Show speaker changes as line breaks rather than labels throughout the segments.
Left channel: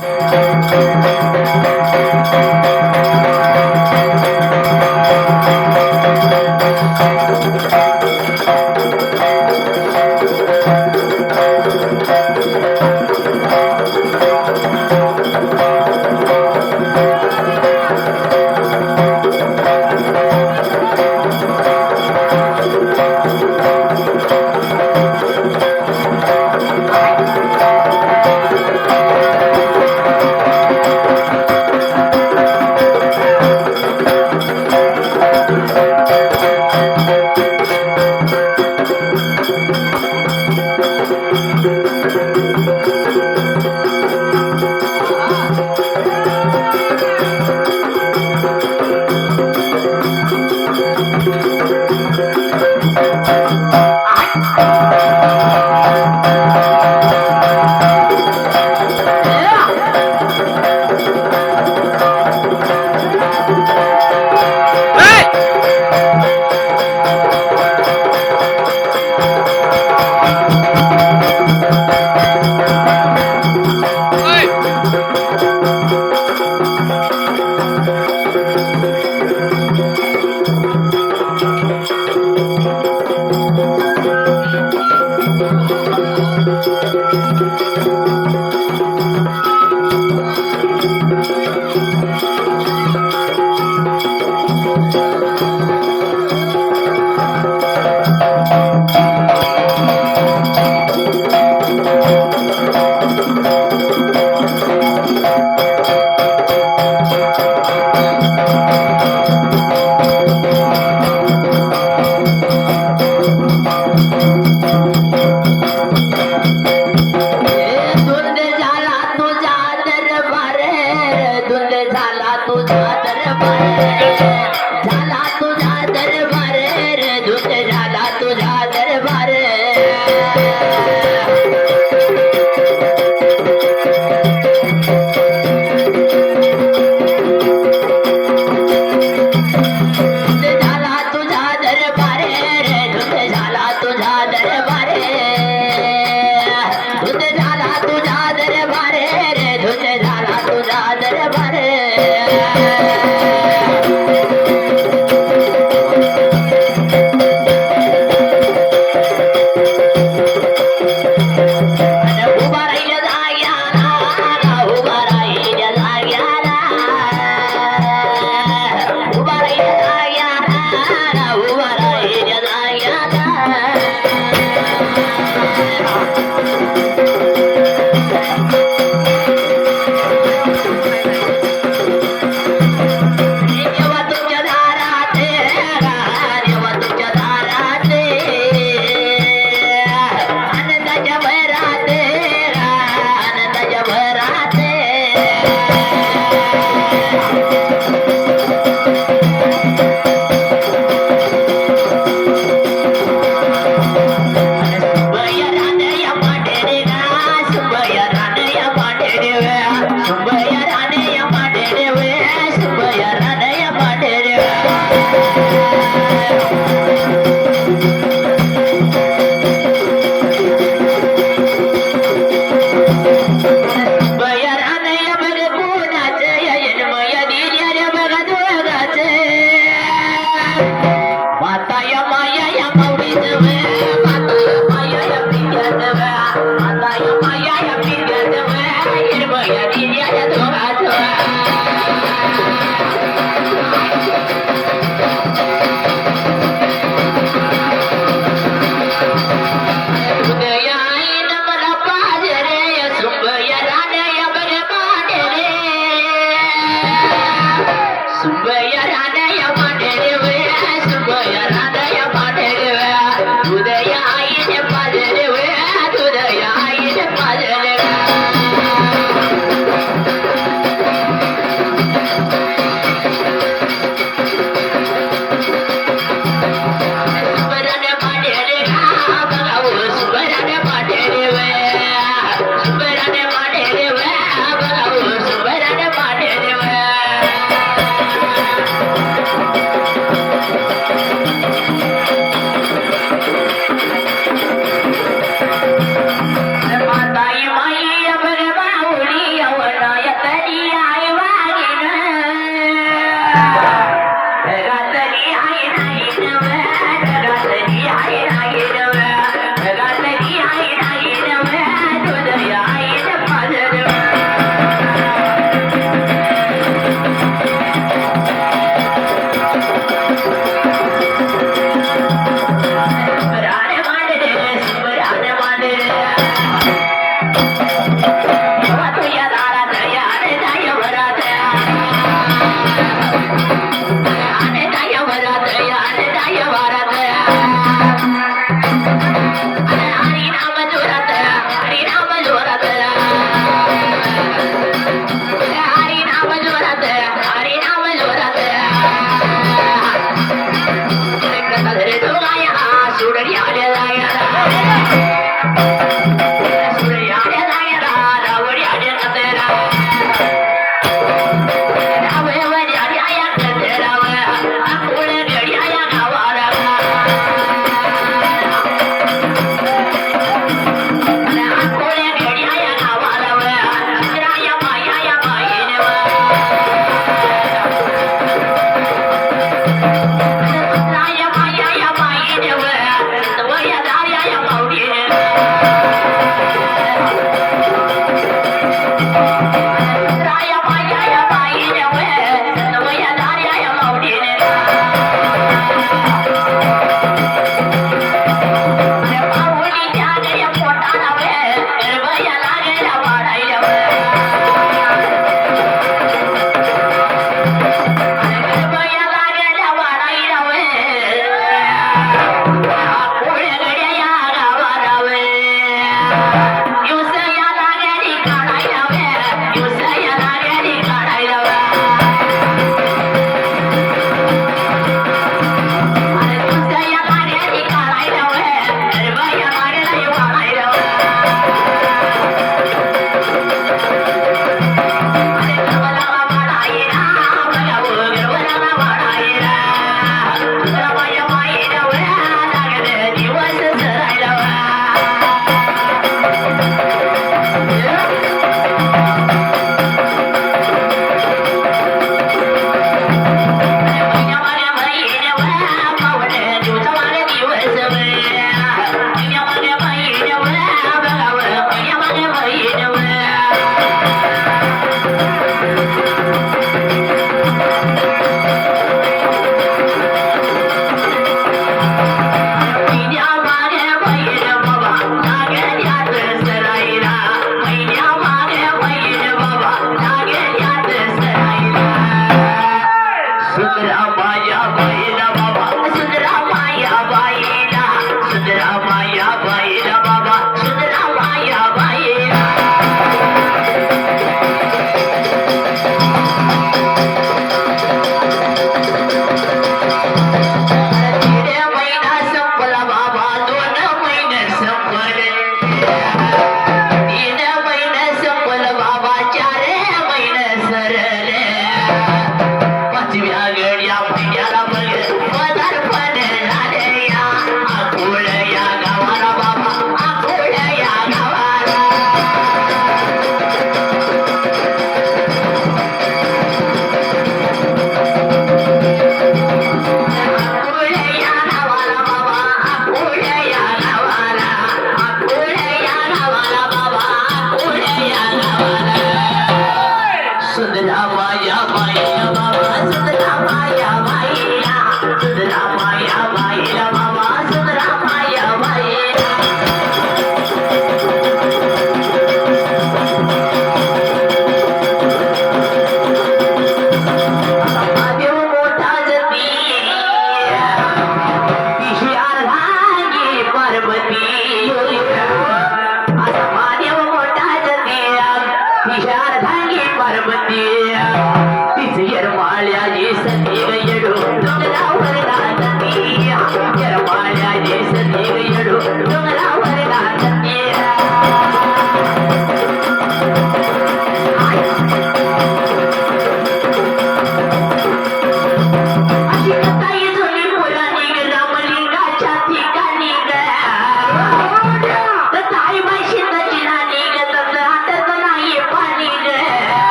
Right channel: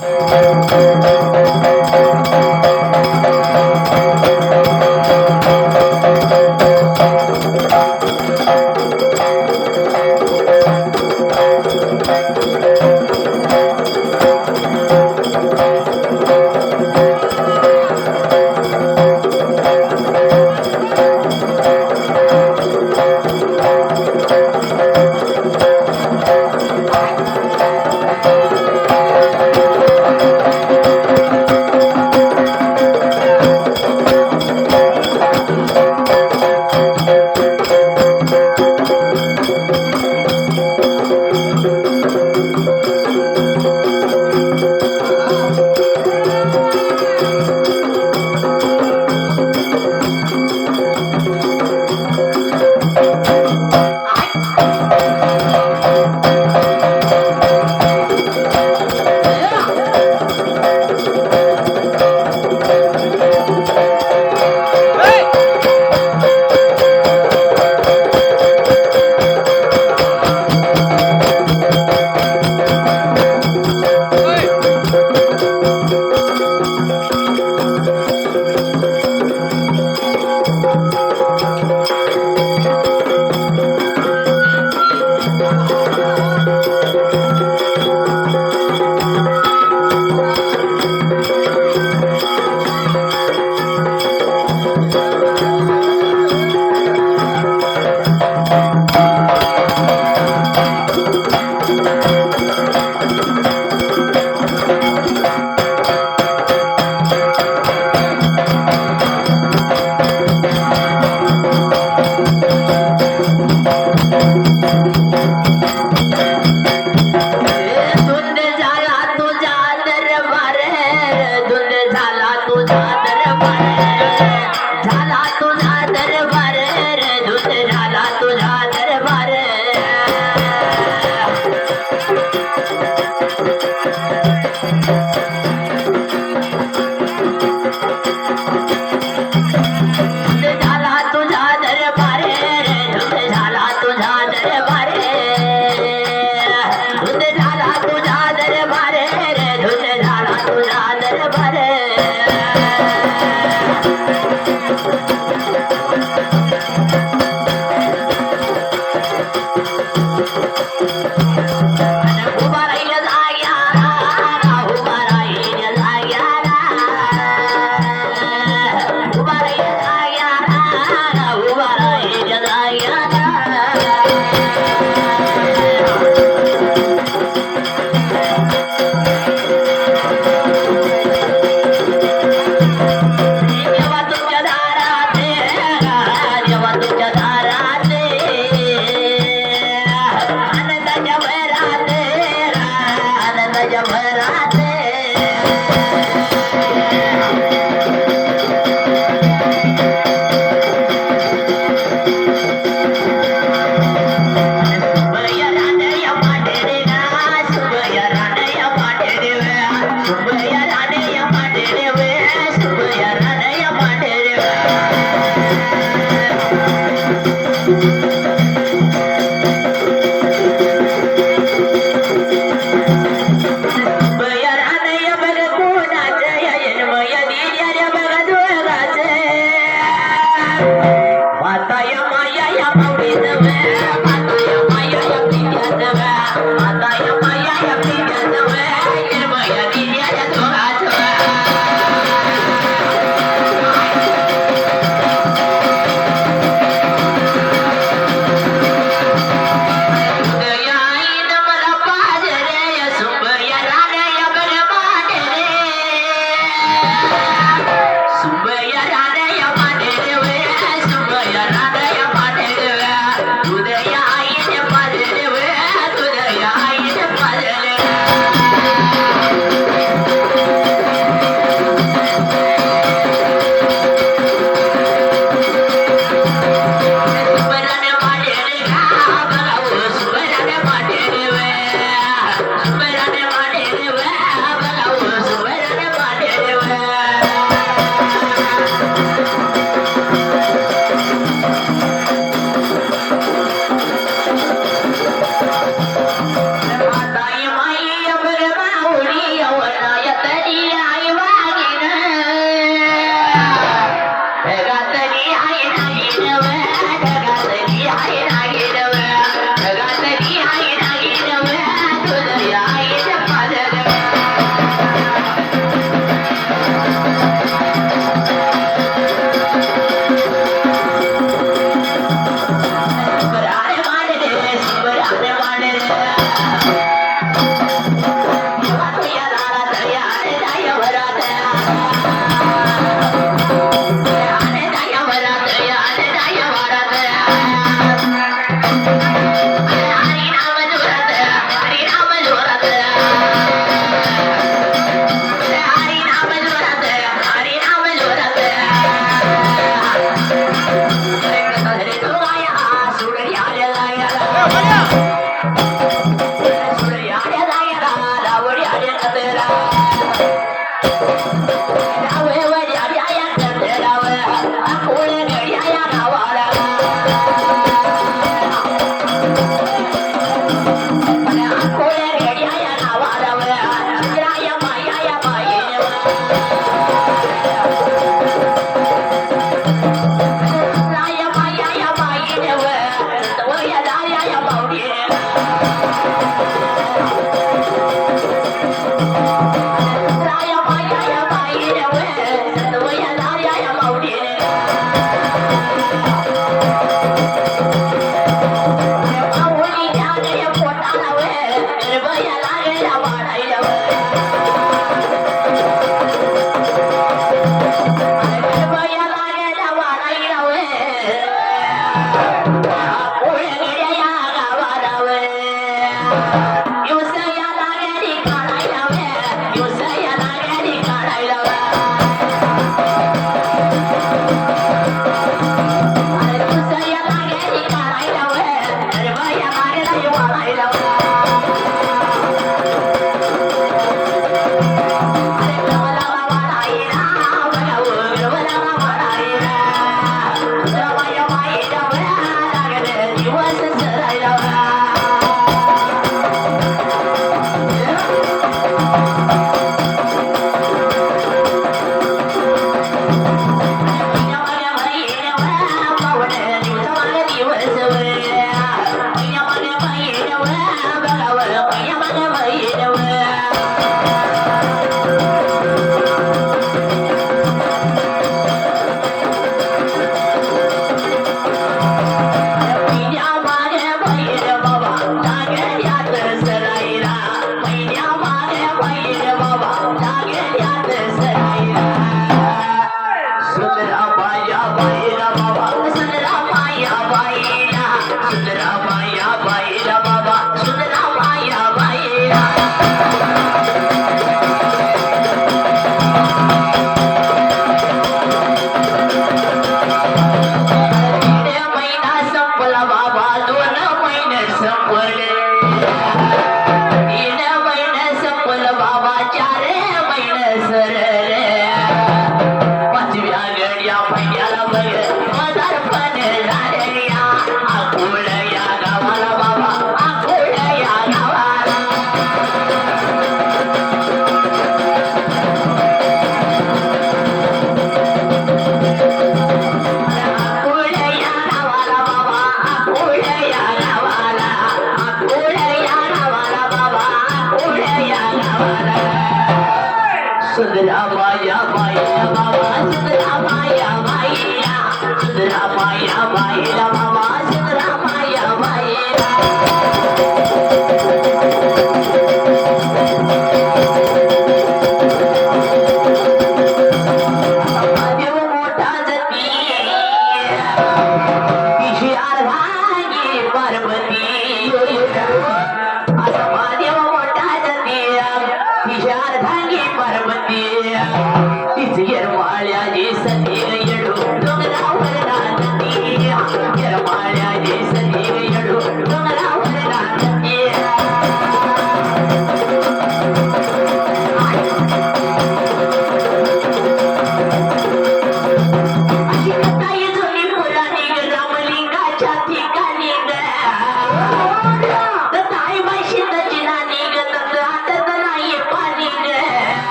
Thank you.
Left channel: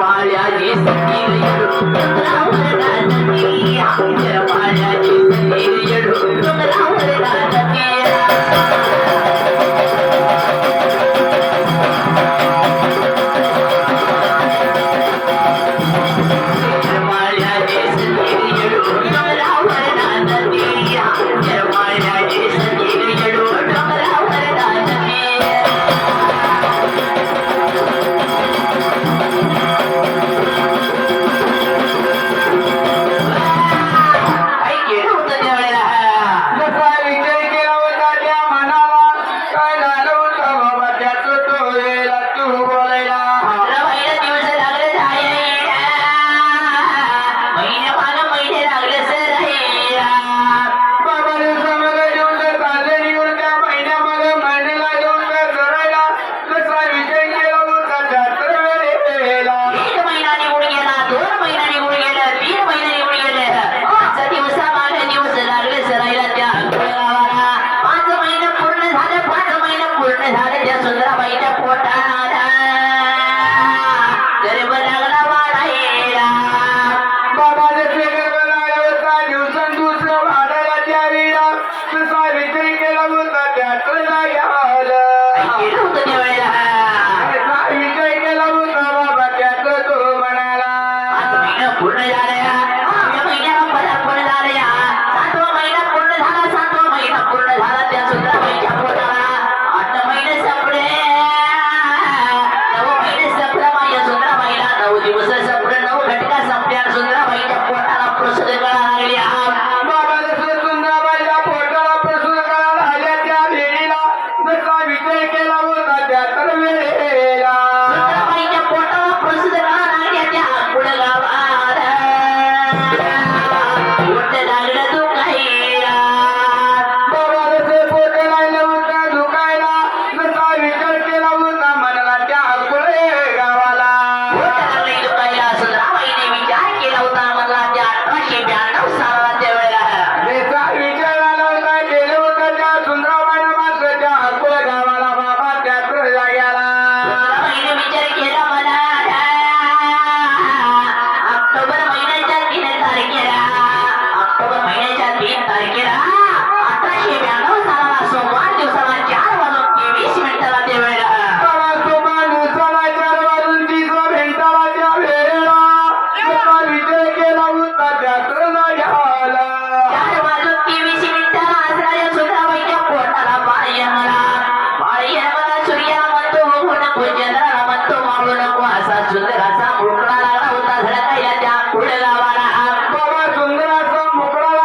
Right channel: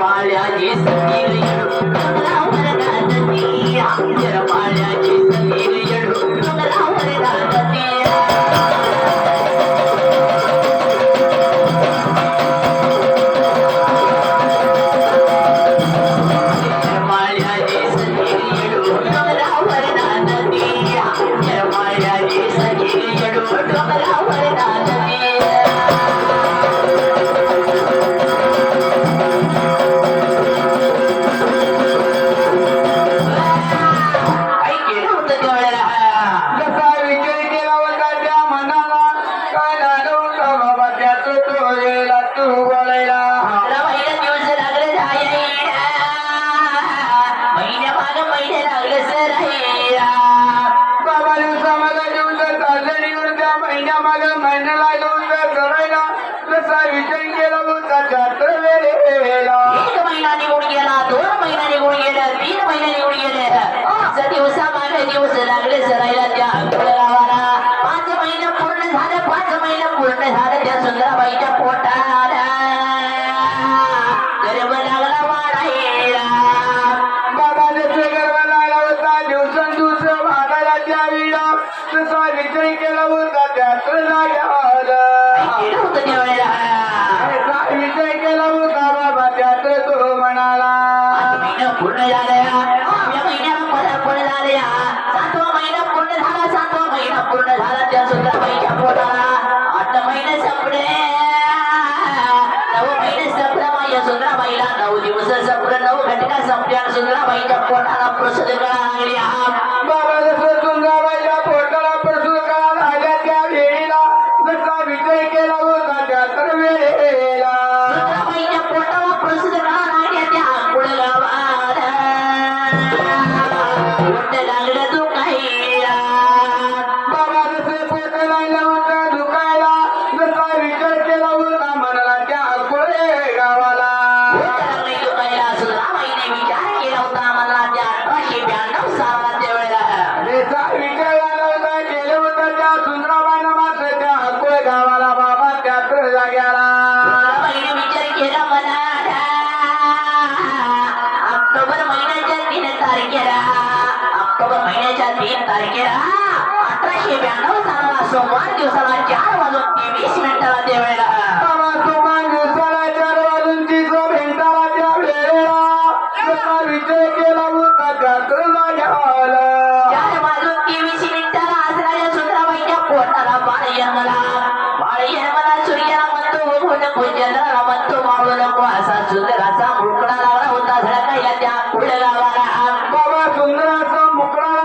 ಮಾಡ್ಯಾಗಿ ಸಂಗೀತ October महिन्याच्या तीन तारखेला. ऑक्टोबर महिन्याच्या तीन तारखेला अठराशे ब्याण्णव सालाला सोमवार दिवसाला चार वाजून तेवीस मिनिटाला
ते वेळेला
परंतु मावळू नको असा सुंदराचा मुकडा लावला होता. झळका याच्यापुढे लावाला.
बाबा सुंदराचा मुकडा